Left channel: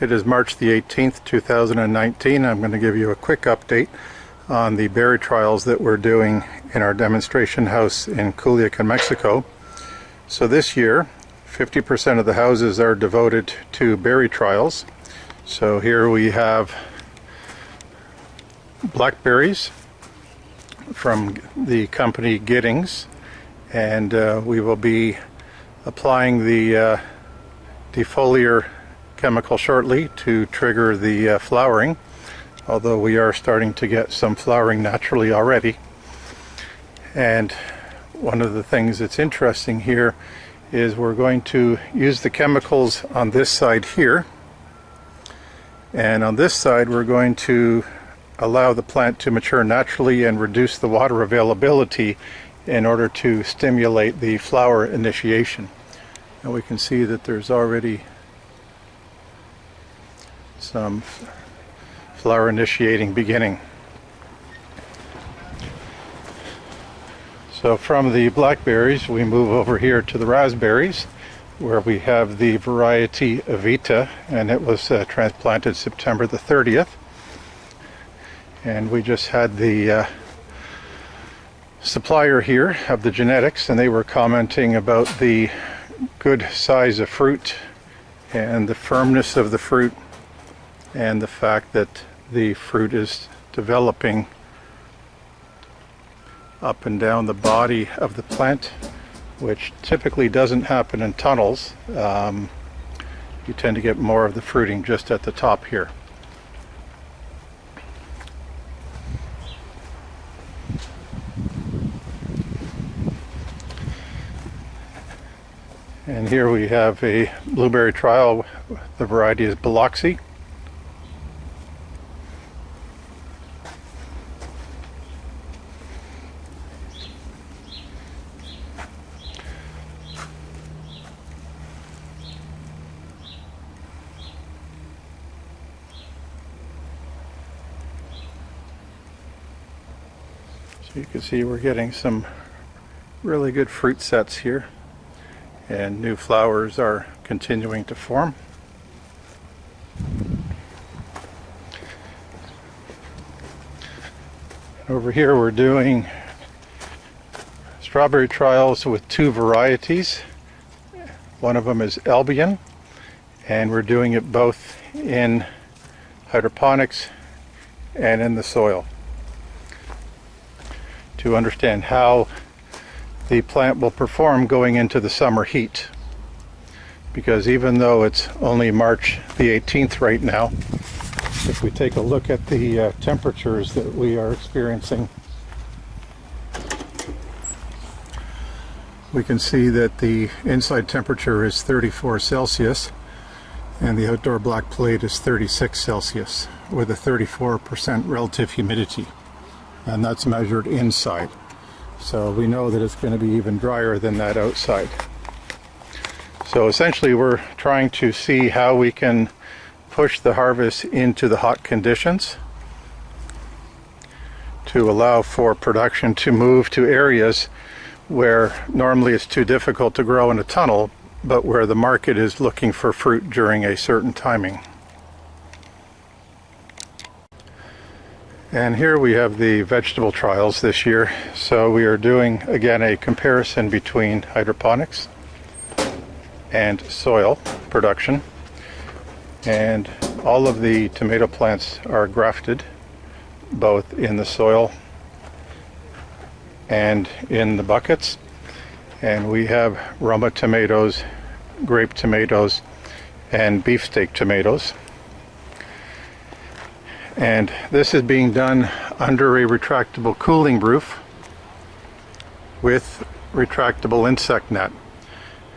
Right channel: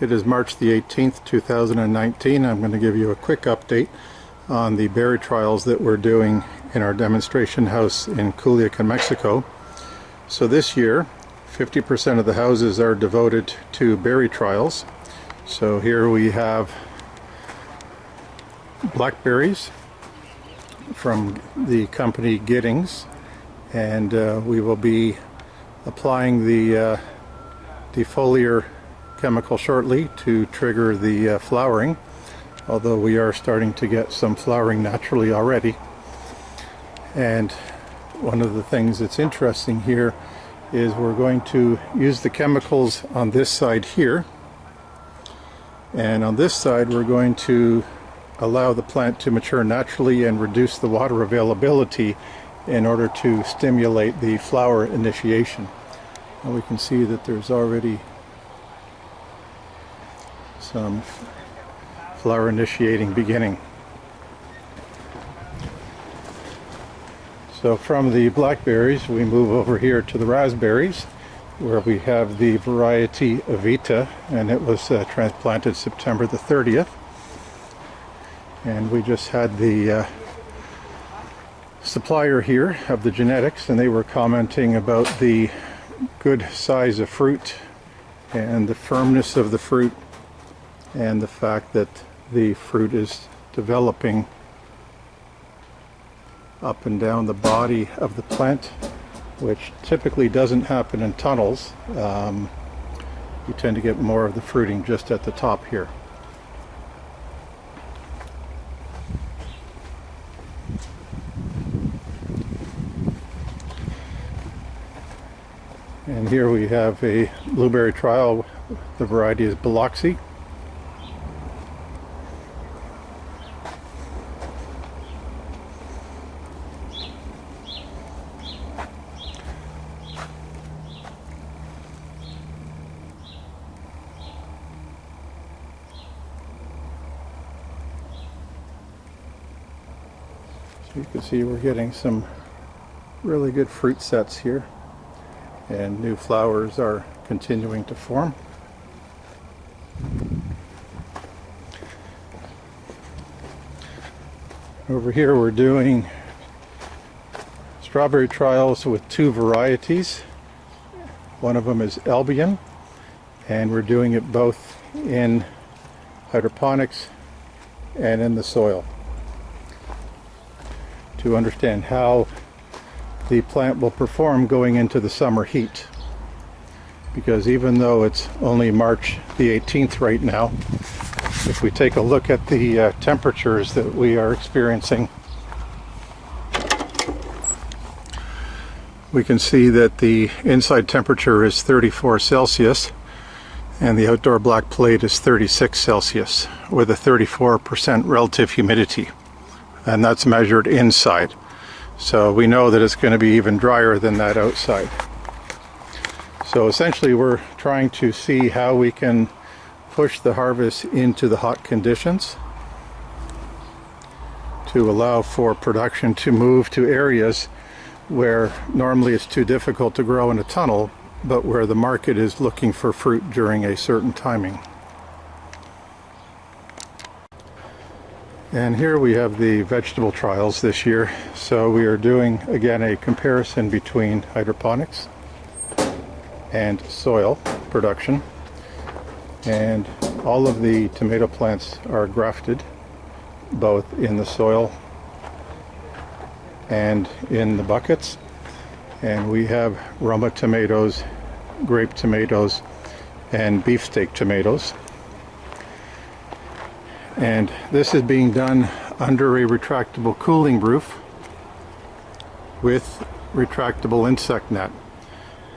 It is March the 18th, 2019. I'm going to give you a quick update on the berry trials that we're doing in our demonstration house in Culiacan, Mexico. So this year, 50% of the houses are devoted to berry trials. So here we have blackberries from the company Giddings, and we will be applying the defoliar chemical shortly to trigger the flowering, although we are starting to get some flowering naturally already. And one of the things that's interesting here is we're going to use the chemicals on this side here, and on this side we're going to allow the plant to mature naturally and reduce the water availability in order to stimulate the flower initiation. And we can see that there's already some flower initiating beginning. So from the blackberries we move over here to the raspberries, where we have the variety Evita, and it was transplanted September the 30th. And we just had the supplier here of the genetics, and they were commenting about the good size of fruit and the firmness of the fruit, and the fact that the fruit is developing up and down the body of the plant, which typically doesn't happen in tunnels. You tend to get more of the fruiting just at the top here. And here we have a blueberry trial. The variety is Biloxi. So you can see we're getting some really good fruit sets here, and new flowers are continuing to form. Over here we're doing strawberry trials with two varieties. One of them is Albion, and we're doing it both in hydroponics and in the soil to understand how the plant will perform going into the summer heat. Because even though it's only March the 18th right now, if we take a look at the temperatures that we are experiencing, we can see that the inside temperature is 34 Celsius and the outdoor black plate is 36 Celsius with a 34% relative humidity, and that's measured inside. So we know that it's going to be even drier than that outside. So essentially we're trying to see how we can push the harvest into the hot conditions to allow for production to move to areas where normally it's too difficult to grow in a tunnel, but where the market is looking for fruit during a certain timing. And here we have the vegetable trials this year. So we are doing again a comparison between hydroponics and soil production. And all of the tomato plants are grafted, both in the soil and in the buckets. And we have Roma tomatoes, grape tomatoes, and beefsteak tomatoes. And this is being done under a retractable cooling roof with retractable insect net.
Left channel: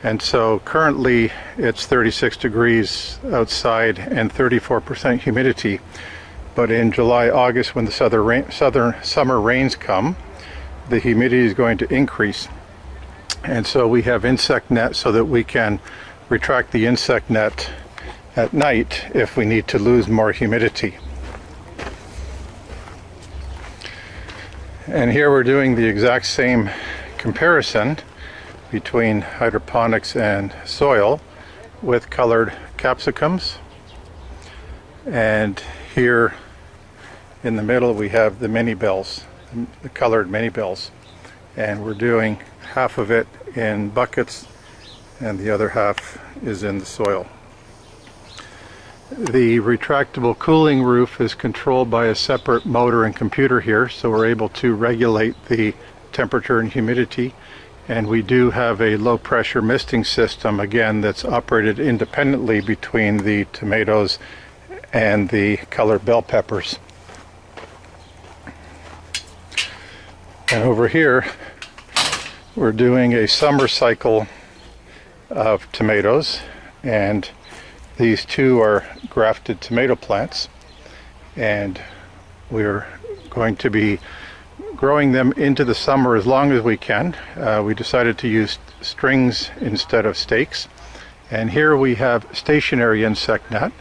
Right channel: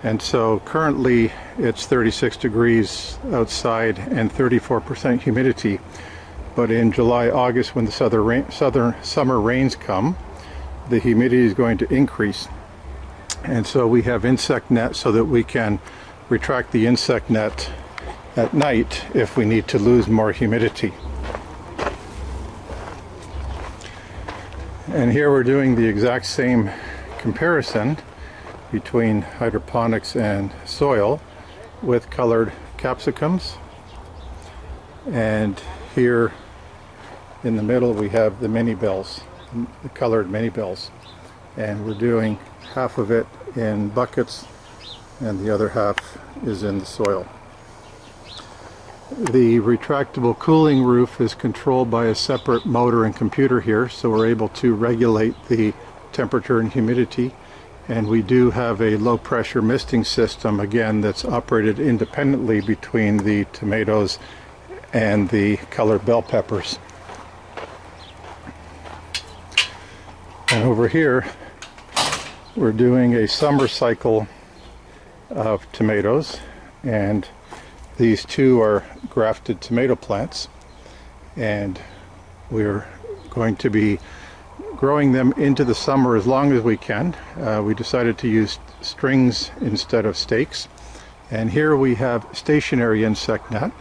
And so currently it's 36 degrees outside and 34% humidity. But in July, August, when the summer rains come, the humidity is going to increase. And so we have insect net so that we can retract the insect net at night if we need to lose more humidity. And here we're doing the exact same comparison between hydroponics and soil with colored capsicums And here in the middle we have the mini bells, the colored mini bells, and we're doing half of it in buckets and the other half is in the soil. The retractable cooling roof is controlled by a separate motor and computer here, so we're able to regulate the temperature and humidity, and we do have a low pressure misting system, again, that's operated independently between the tomatoes and the colored bell peppers. And over here we're doing a summer cycle of tomatoes, and these two are grafted tomato plants, and we're going to be growing them into the summer as long as we can. We decided to use strings instead of stakes, and here we have stationary insect net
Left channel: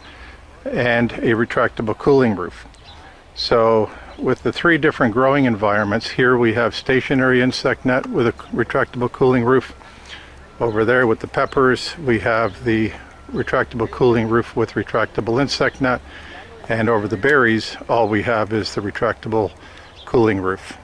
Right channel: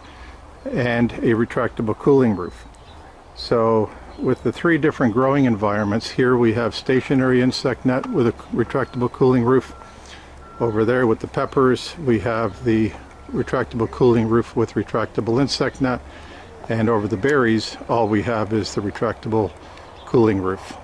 and a retractable cooling roof. So with the three different growing environments, here we have stationary insect net with a retractable cooling roof. Over there with the peppers we have the retractable cooling roof with retractable insect net, and over the berries all we have is the retractable cooling roof.